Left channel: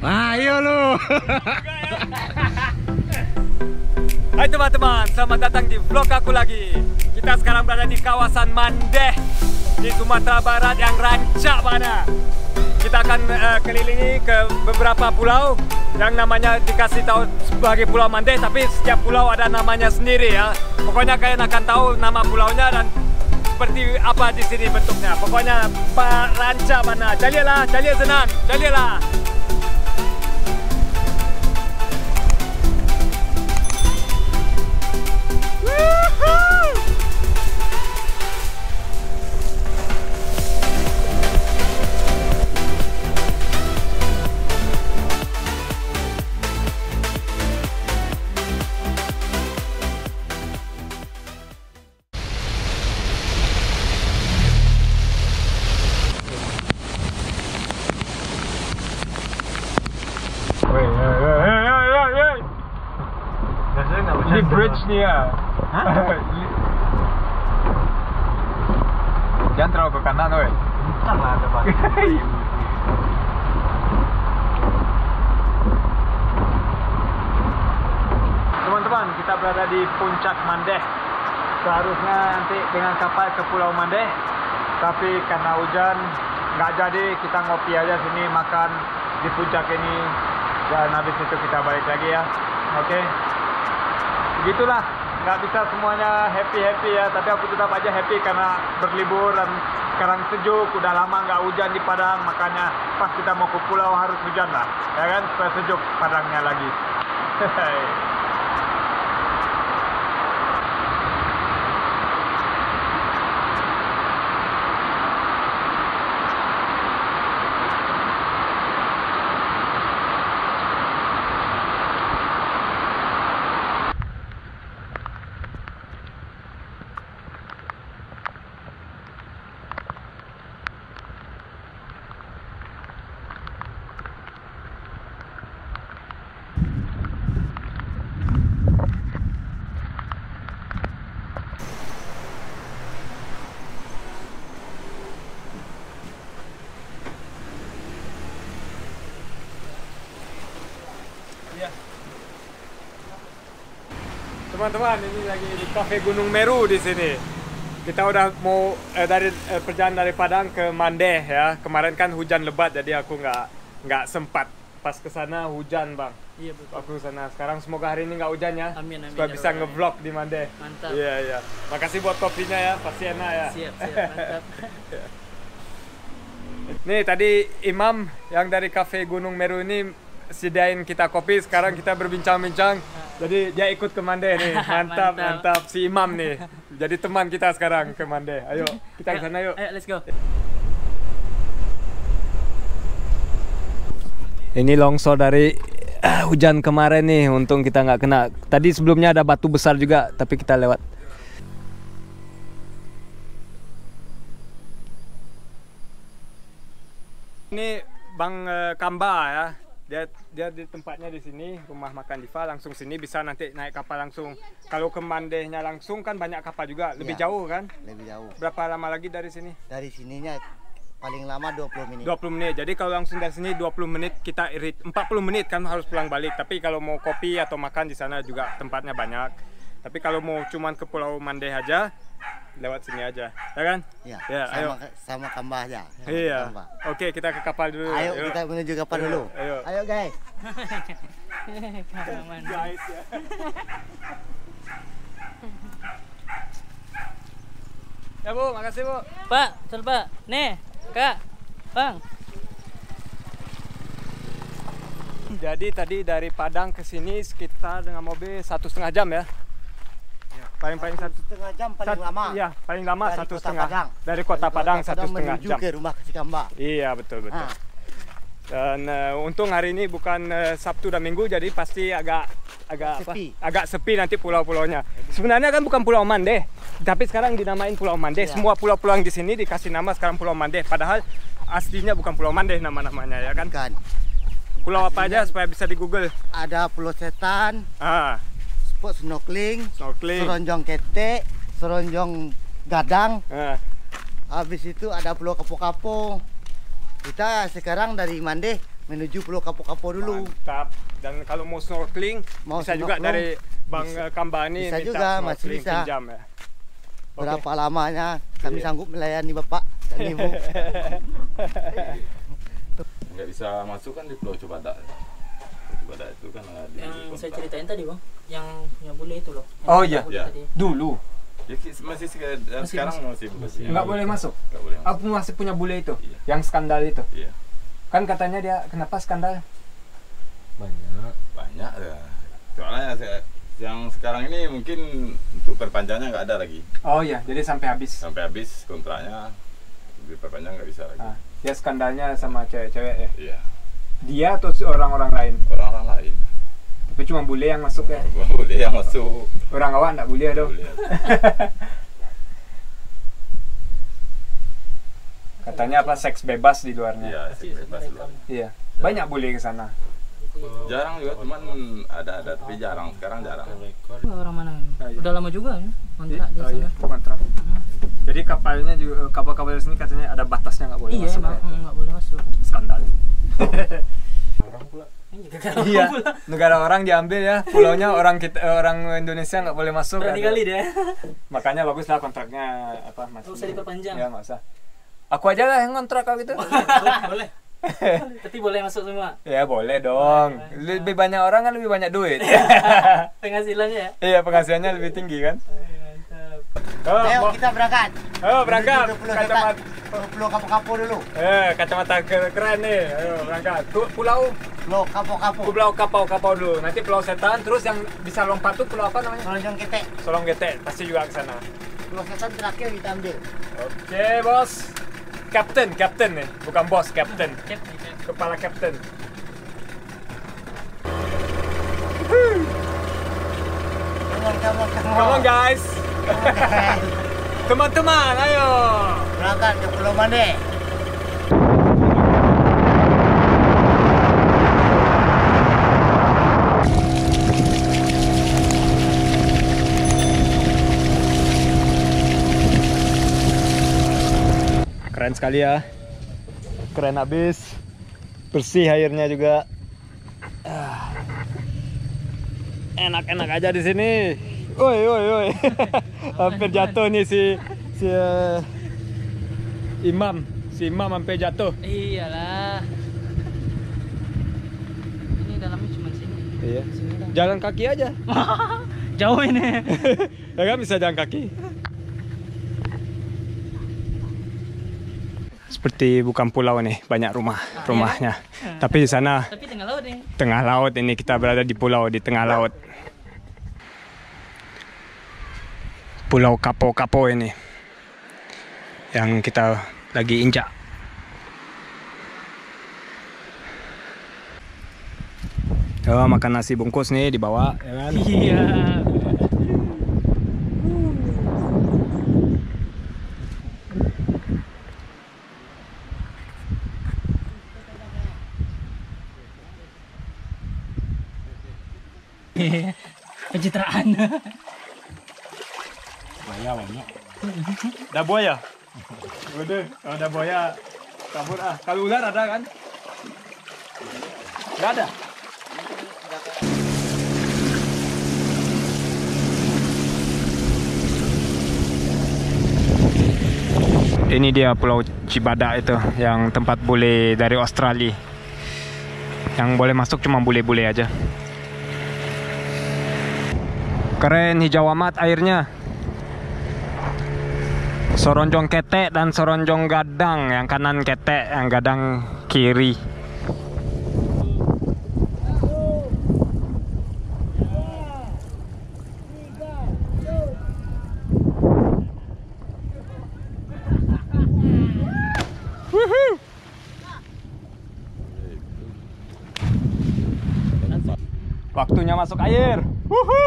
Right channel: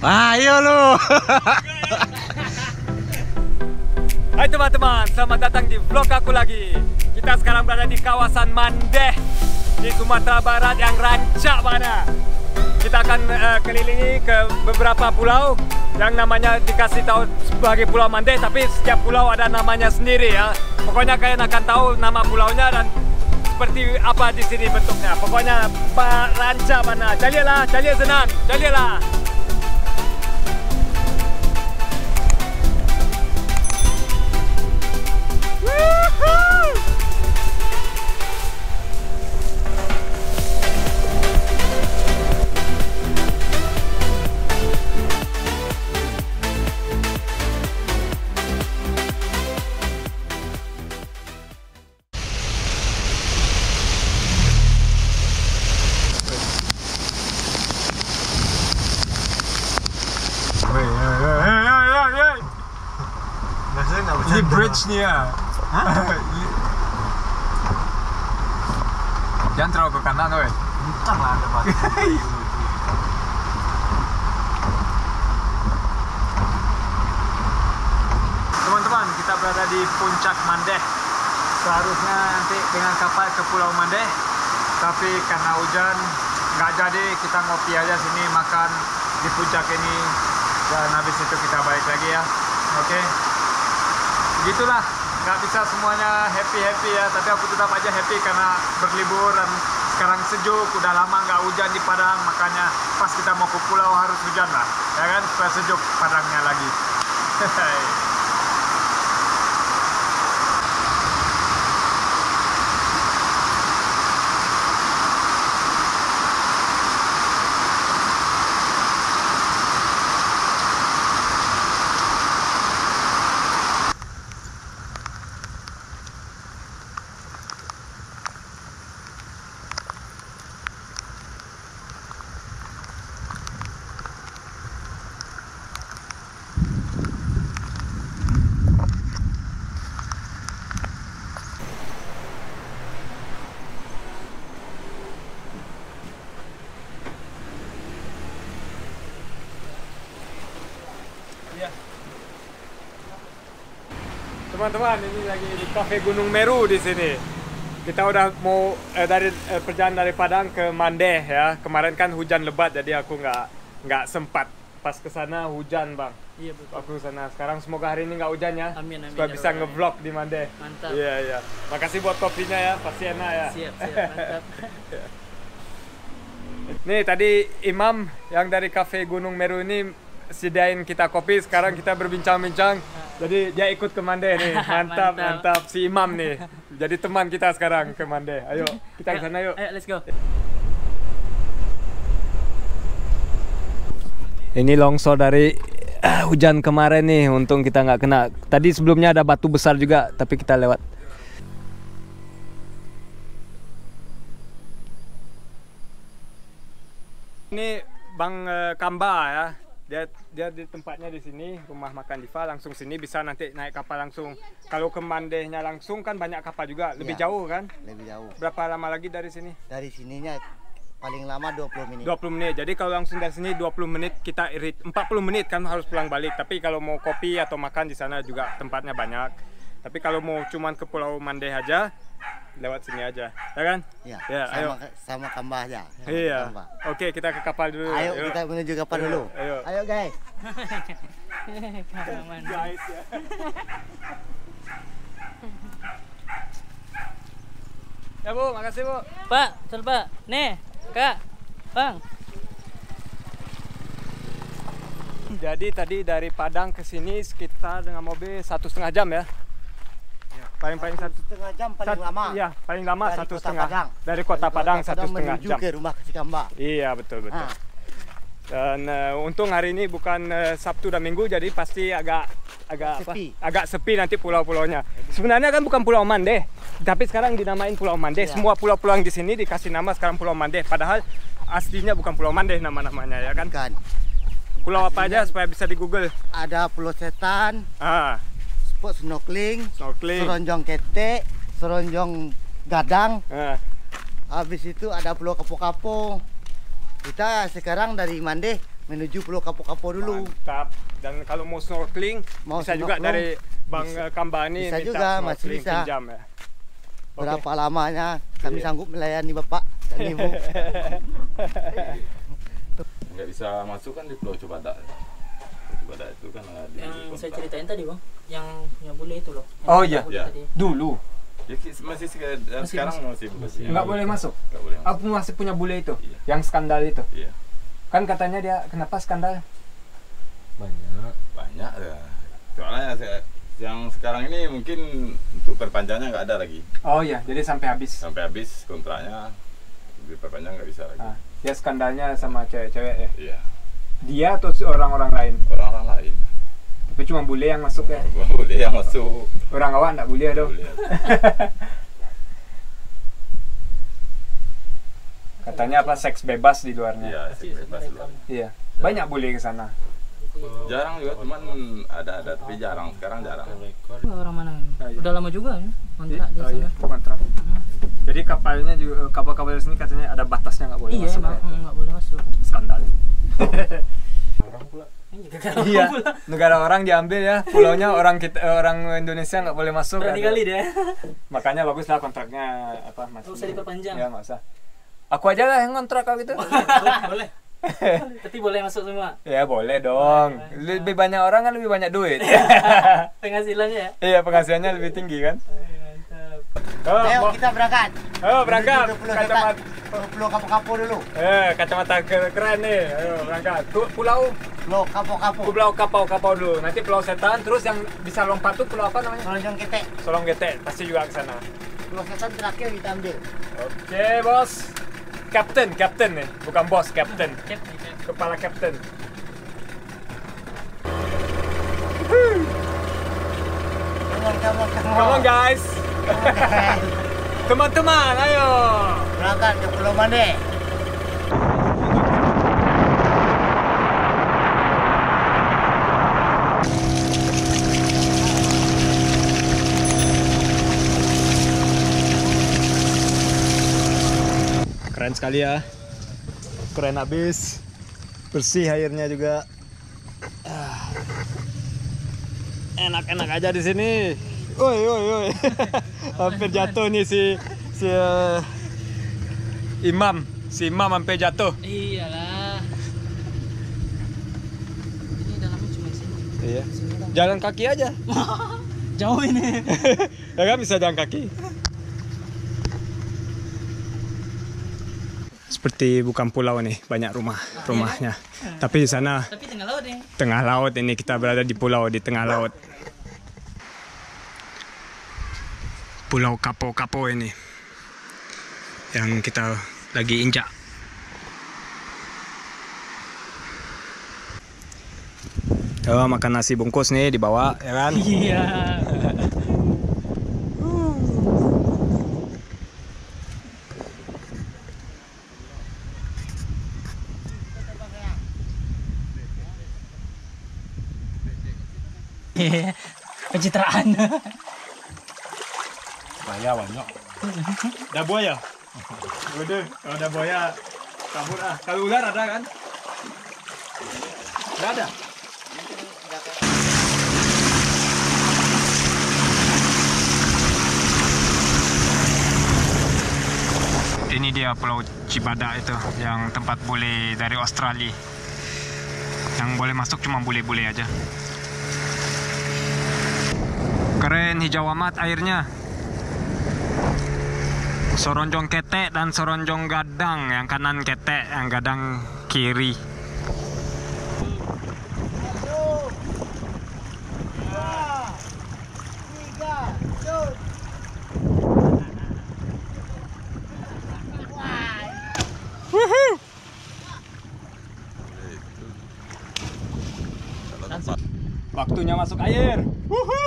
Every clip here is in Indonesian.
Ayo lu. Hai teman-teman, selamat datang di vlog aku lagi. Kita sekarang berada di kawasan Mandeh di Sumatera Barat yang rancak mana. Kita akan kelilingi ke beberapa pulau yang namanya dikasih tahu sebagai Pulau Mandeh, tapi setiap pulau ada namanya sendiri ya. Pokoknya kalian akan tahu nama pulaunya dan seperti apa di sini bentuknya. Pokoknya rancak mana. Jalilah, jalia senang, jalilah. Ini bridge nih ya. Jangan terlalu ke kanan, woi. Entah lah ada batu. Teman-teman, kita berada di puncak Mandeh. Seharusnya nanti dengan kapal ke Pulau Mandeh, tapi karena hujan nggak jadi, kita ngopi aja sini, makan di puncak ini, dan habis itu kita balik lagi ya. Oke. Begitulah, nggak bisa semuanya happy ya, tapi aku tetap aja happy karena berlibur dan sekarang sejuk, udah lama nggak hujan di Padang, makanya pas kita mau ke pulau harus hujan lah, ya kan, supaya sejuk Padangnya lagi. Teman-teman, ini lagi di Cafe Gunung Meru di sini. Kita udah mau dari perjalanan dari Padang ke Mandeh ya. Kemarin kan hujan lebat, jadi aku nggak sempat. Pas ke sana hujan, Bang. Iya betul. Aku ke sana. Sekarang semoga hari ini nggak hujan ya. Amin, amin. Supaya Ya bisa Allah. ngevlog di Mandeh. Mantap. Iya, iya. Makasih buat kopinya ya, pasti enak ya. Siap, mantap. Nih tadi Imam yang dari Cafe Gunung Meru ini sediain kita kopi, sekarang kita berbincang-bincang. Jadi dia ikut ke Mandeh nih. Mantap, mantap si Imam nih. Jadi teman kita sekarang ke Mandeh. Ayo, kita ke sana yuk. Ayo, let's go. Ini longsor dari hujan kemarin nih, untung kita nggak kena. Tadi sebelumnya ada batu besar juga, tapi kita lewat. Ini Bang Kamba ya. Dia di tempatnya di sini, rumah makan Diva, langsung sini bisa nanti naik kapal langsung. Kalau ke Mandehnya langsung kan banyak kapal juga, lebih Ya, jauh kan? lebih jauh. Berapa lama lagi dari sini? Dari sininya paling lama 20 menit. 20 menit. Jadi kalau langsung dari sini 20 menit, kita irit 40 menit kan harus pulang balik. Tapi kalau mau kopi atau makan di sana juga tempatnya banyak. Tapi kalau mau cuman ke Pulau Mandeh aja, lewat sini aja, ya kan? Ya, Ya, ayo. sama Kambah aja. Sama Iya. Kambah. Oke, kita ke kapal dulu. Ayo kita menuju kapal dulu. Ayo. Ayo guys. Guys ya. Ya Bu, makasih Bu. Pak, betul Pak. Nih, Kak, Bang. Jadi tadi dari Padang ke sini sekitar dengan mobil 1,5 jam ya. Paling 1,5 jam paling lama. Iya, paling lama Dari 1,5. Kota Padang. Dari Kota Padang 1,5 menuju jam. ke rumah si Kambah. Iya, betul. Ah. Dan untung hari ini bukan Sabtu dan Minggu, jadi pasti agak Sepi. agak sepi nanti pulau-pulaunya. Sebenarnya kan bukan Pulau Mandeh, tapi sekarang dinamain Pulau Mandeh. Ya. Semua pulau-pulau yang di sini dikasih nama sekarang Pulau Mandeh. Padahal aslinya bukan Pulau Mandeh nama-namanya ya kan. Kan. Pulau apa aja supaya bisa di Google. Ada Pulau Setan, spot snorkeling, Snorkeling. seronjong ketek, seronjong gadang. Ah, Habis itu ada Pulau Kapo-Kapo. Kita sekarang dari Mandeh menuju Pulau Kapo-Kapo dulu. Mantap. Dan kalau mau snorkeling, Mau bisa juga snorkeling, dari Bang Kambani bisa minta juga, masih snorkeling bisa. pinjam ya. Berapa lamanya kami Iya. sanggup melayani Bapak dan Ibu. Nggak bisa masuk kan di Pulau Cibadak. Pulau Cibadak itu kan ada di Yang saya kontrak. ceritain tadi bang, yang punya bule itu loh. Yang Oh, punya iya. bule Iya. tadi. Dulu Ya, masih sekarang masih nggak boleh masuk. Nggak boleh masuk. Aku masih punya bule itu, Iya. yang skandal itu. Iya. Kan katanya dia kenapa skandal? Banyak ya. Soalnya yang sekarang ini mungkin untuk perpanjangnya nggak ada lagi. Oh iya, jadi sampai habis. Sampai habis kontraknya diperpanjang nggak bisa lagi. Ah, dia skandalnya sama cewek-cewek ya. Iya. Dia atau orang-orang lain? Orang-orang lain. Tapi cuma bule yang masuk ya. Boleh yang masuk. Orang awak nggak boleh dong. Boleh. Katanya apa seks bebas di luarnya. Iya, bebas luar. Iya. Banyak bule ke sana. Jarang juga, cuman ada tapi jarang. Sekarang jarang. Orang mana? iya. Udah lama juga ya kontrak di Oh, sana. iya, kontrak. Jadi kapalnya juga kapal-kapal di sini katanya ada batasnya nggak boleh Iya masuk. emang ya. nggak boleh masuk. Skandal. Gara-gara Iya, pula. negara orang diambil ya, pulaunya orang Indonesia nggak boleh masuk. Berani kali deh. Makanya baguslah kontraknya apa masih. Nggak usah diperpanjang. Ya nggak usah. Aku aja lah yang kontrak kalau gitu. Boleh. Tapi boleh masuk semua. Ya boleh dong. Lebih banyak orang kan lebih banyak duit. Penghasilannya ya. Iya penghasilannya lebih tinggi kan. Mantap. Oh, Ayo kita berangkat. berangkat. Menuju Pulau Kacamata. Setan. Pulau Kapo-Kapo dulu. Kacamata keren nih. Ayo berangkat. Pulau Pulau Kapo-Kapo. Pulau Kapau dulu. Nanti Pulau Setan. Terus yang bisa lompat tuh pulau apa namanya? Seronjong Ketek. Solong Gete. Pasti juga ke sana. Pulau Setan terakhir kita ambil. Oke bos. Kapten nih. Bukan bos, kapten. Cep nih, cep. Kepala kapten. Come on guys. Teman-teman, ayo. Berangkat ke Pulau Mande. Keren sekali ya. Keren abis. Bersih airnya juga. Enak-enak aja di sini. Woi. Hampir jatuh nih si Imam. Si Imam hampir jatuh. Iyalah. Ini dalamnya cuma sini. Iya. Sini dah. Jalan kaki aja. Jauh ini. Ya kan bisa jalan kaki. Seperti bukan pulau nih, banyak rumahnya. Tapi di sana Tapi tengah laut nih. tengah laut ini, kita berada di pulau di tengah laut. Pulau Kapo-Kapo ini yang kita lagi injak. Oh, makan nasi bungkus nih dibawa ya kan? Iya. Pencitraan. Banyak. Ada buaya? Udah, kalau ada buaya kabur ah. Kalau ular ada kan? Nggak ada. Ini dia Pulau Cibadak itu, yang tempat bule dari Australia. Yang boleh masuk cuma bule-bule aja. Keren, hijau amat airnya. Soronjong ketek dan soronjong gadang, yang kanan ketek, yang gadang kiri. Waktunya masuk air. Wuhu.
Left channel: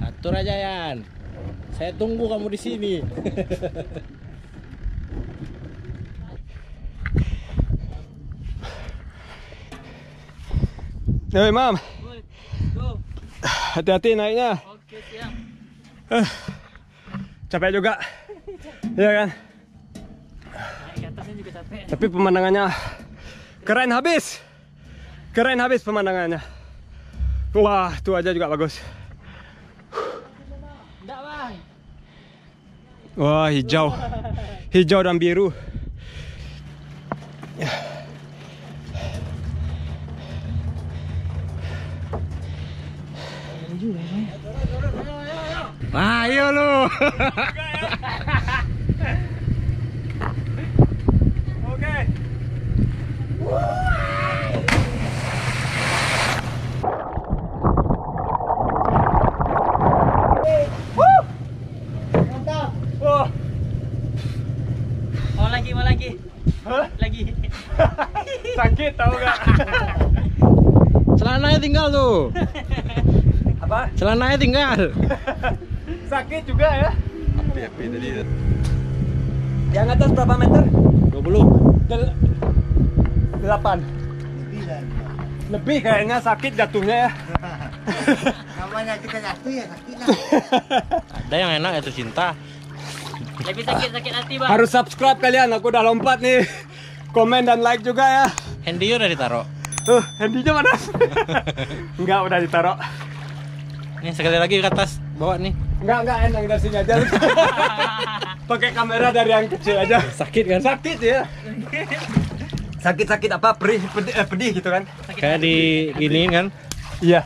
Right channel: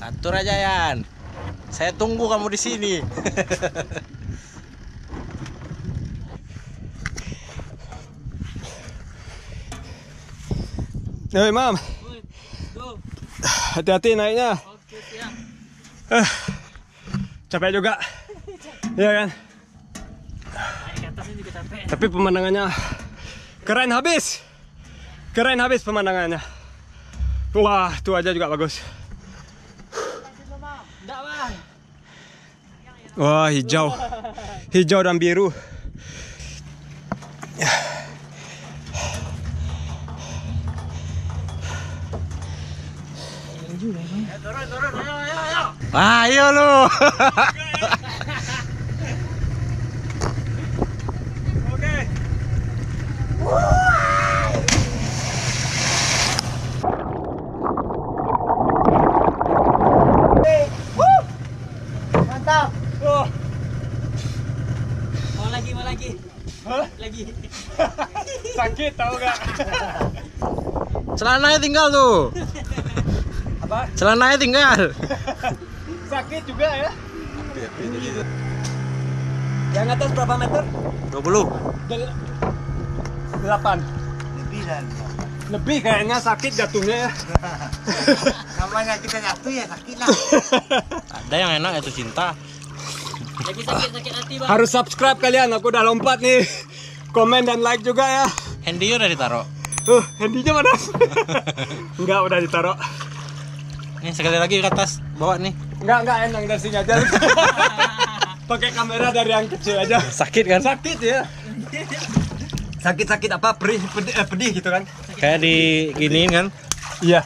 Atur aja Yan. Saya tunggu kamu di sini. Hei, Mam. Go. Hati-hati naiknya. Oke, siap. Capek juga. Iya kan? Naik ke atasnya juga capek. Tapi pemandangannya keren habis. Keren habis pemandangannya. Wah, itu aja juga bagus. Enggak, Bang. Wah, hijau. Hijau dan biru. Ini juga, Bang. Ayo lu. Oke. Mantap. Oh. Mau lagi. Hah? Lagi. Sakit tau gak? Celananya tinggal tuh. Apa? Celananya tinggal. Sakit juga ya? Api tadi. Yang atas berapa meter? 20. 8. Lebih dan Lebih kayaknya sakit jatuhnya ya. namanya kita jatuh ya sakit lah. Ada yang enak itu cinta. Lagi sakit hati, Bang. Harus subscribe kalian, aku udah lompat nih. Komen dan like juga ya. Handy udah ditaruh. Handynya mana? Enggak, udah ditaruh. Nih sekali lagi ke atas, bawa nih. Enggak enak dari sini aja. Pakai kamera dari yang kecil aja. Sakit kan? Sakit ya. Sakit apa? Pedih gitu kan? Kayak di giniin kan? Iya.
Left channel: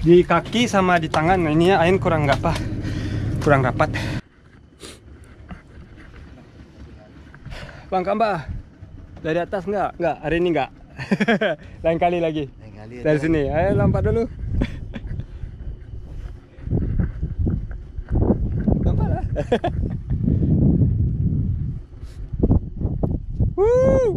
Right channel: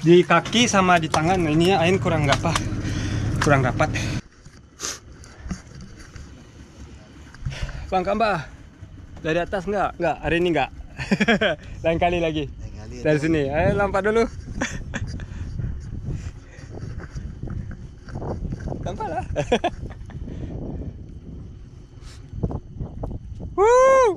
Di kaki sama di tangan. Nah, ininya ain kurang rapat. Bang Kamba, dari atas enggak? Enggak, hari ini enggak. Lain kali lagi. Dari sini, ayo lompat dulu. Lompat lah. Woo!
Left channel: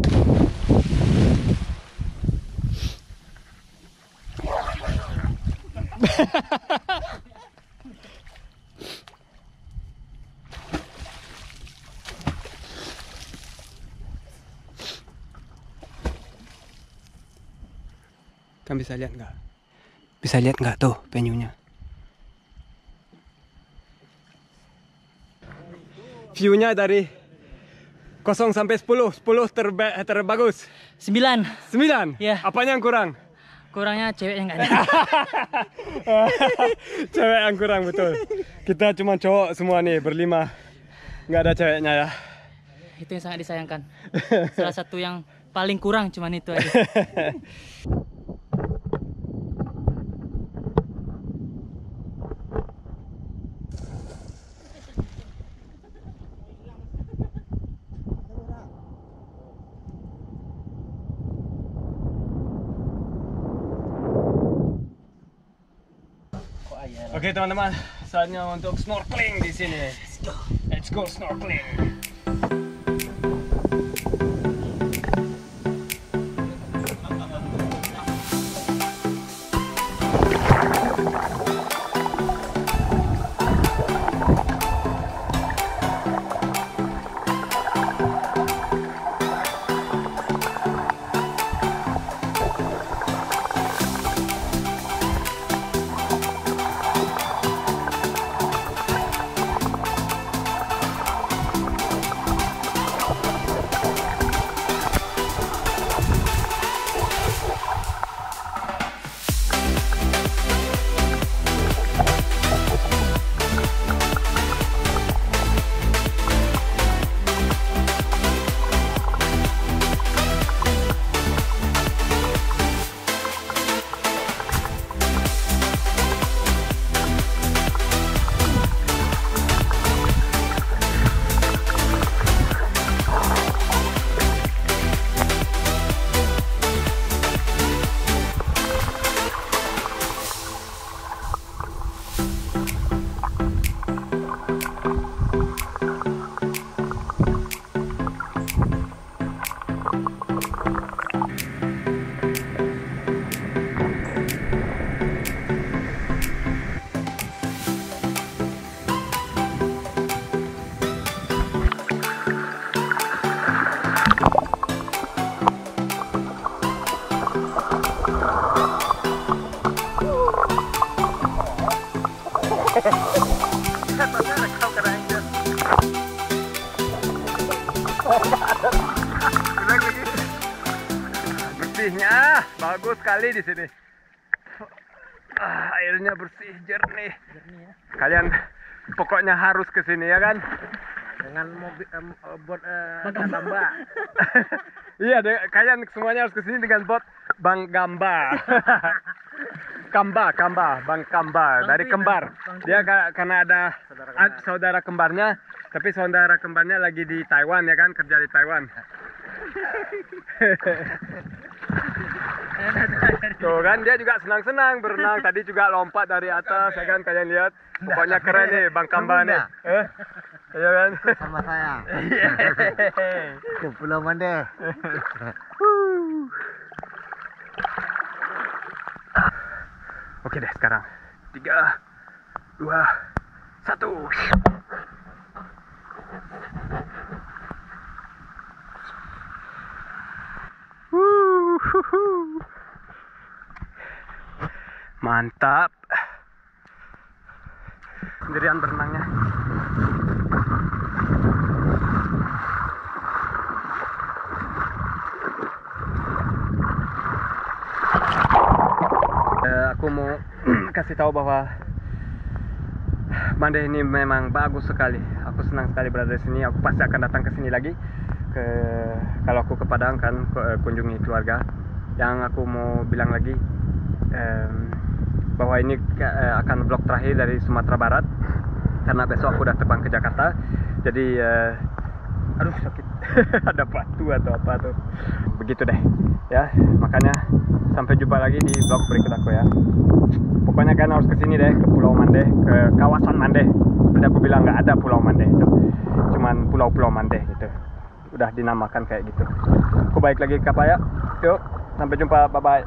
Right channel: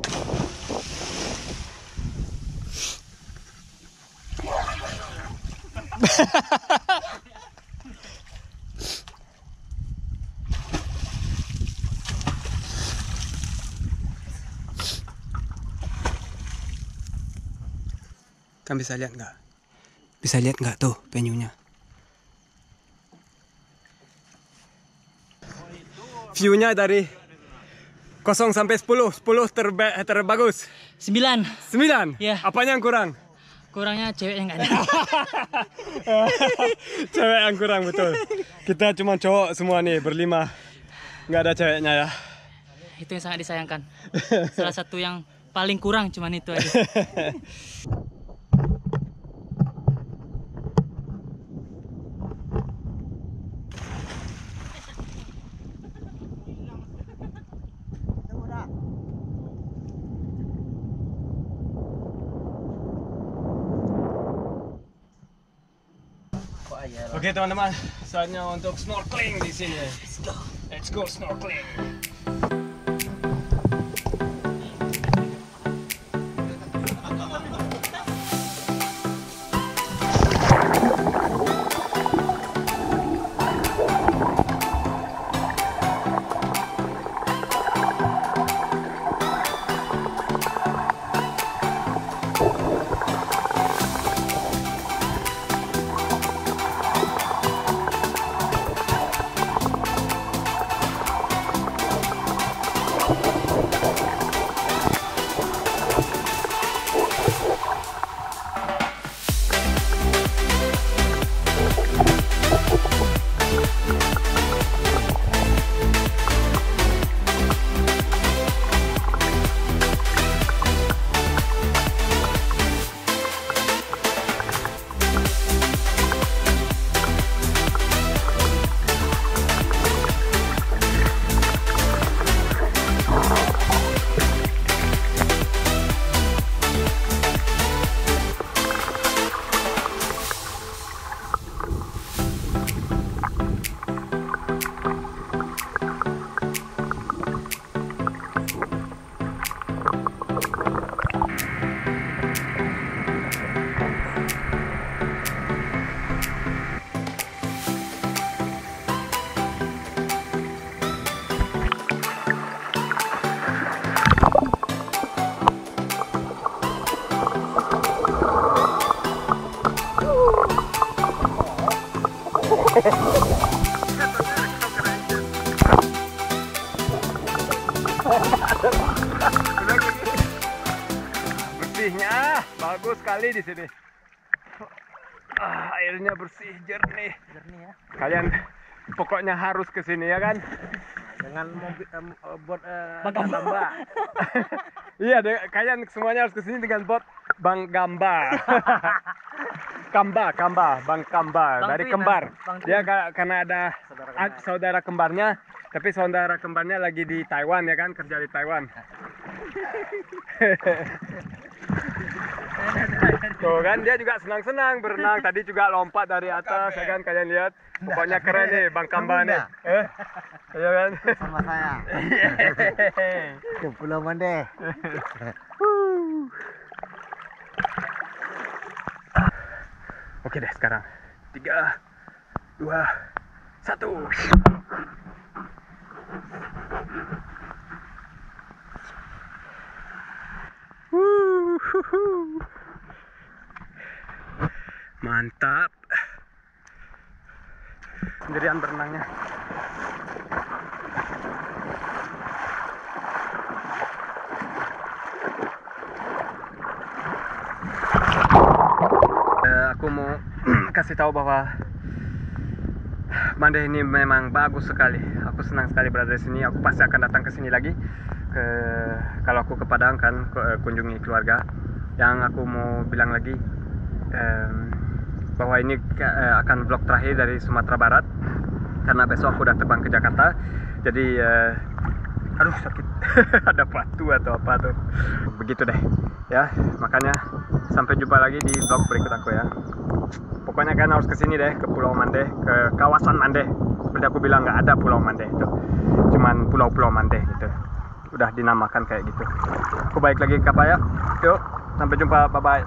Kan bisa lihat nggak? Bisa lihat nggak tuh venue-nya? View-nya dari 0 sampai 10. 10 terbagus. 9. 9? Iya. Apanya yang kurang? Kurangnya cewek yang enggak ada. Cewek yang kurang, betul. Kita cuma cowok semua nih, berlima. Nggak ada ceweknya ya. Itu yang sangat disayangkan. Salah satu yang paling kurang cuman itu aja. Oke teman-teman, saatnya untuk snorkeling di sini. Let's go snorkeling. Bersihnya bagus sekali di sini. Airnya bersih, jernih. Kalian pokoknya harus ke sini ya kan? Dengan mobil bot Gamba. Iya, kalian semuanya harus ke sini dengan bot Bang Gamba. Bang Kamba dari kembar. Dia karena ada saudara kembarnya, tapi saudara kembarnya lagi di Taiwan ya kan, kerja di Taiwan. Tuh kan dia juga senang-senang berenang, tadi juga lompat dari atas ya kan, kalian lihat. Pokoknya keren nih Bang Kamba nih. Iya kan? sama saya. Ke Pulau Mandeh. Oke deh sekarang 3, 2, 1. Mantap. Sendirian berenangnya. Aku mau kasih tahu bahwa Mandeh ini memang bagus sekali. Aku senang sekali berada di sini. Aku pasti akan datang ke sini lagi. Kalau aku ke Padang kan kunjungi keluarga. Yang aku mau bilang lagi bahwa ini akan vlog terakhir dari Sumatera Barat karena besok aku udah terbang ke Jakarta. Jadi aduh sakit. Ada batu atau apa tuh. Begitu deh ya, makanya sampai jumpa lagi di vlog berikut aku ya. Pokoknya kalian harus kesini deh, ke Pulau Mandeh, ke kawasan Mandeh. Seperti aku bilang, nggak ada Pulau Mandeh itu, cuman pulau-pulau Mandeh gitu, udah dinamakan kayak gitu. Aku balik lagi ke kapal ya. Yuk, sampai jumpa, bye bye.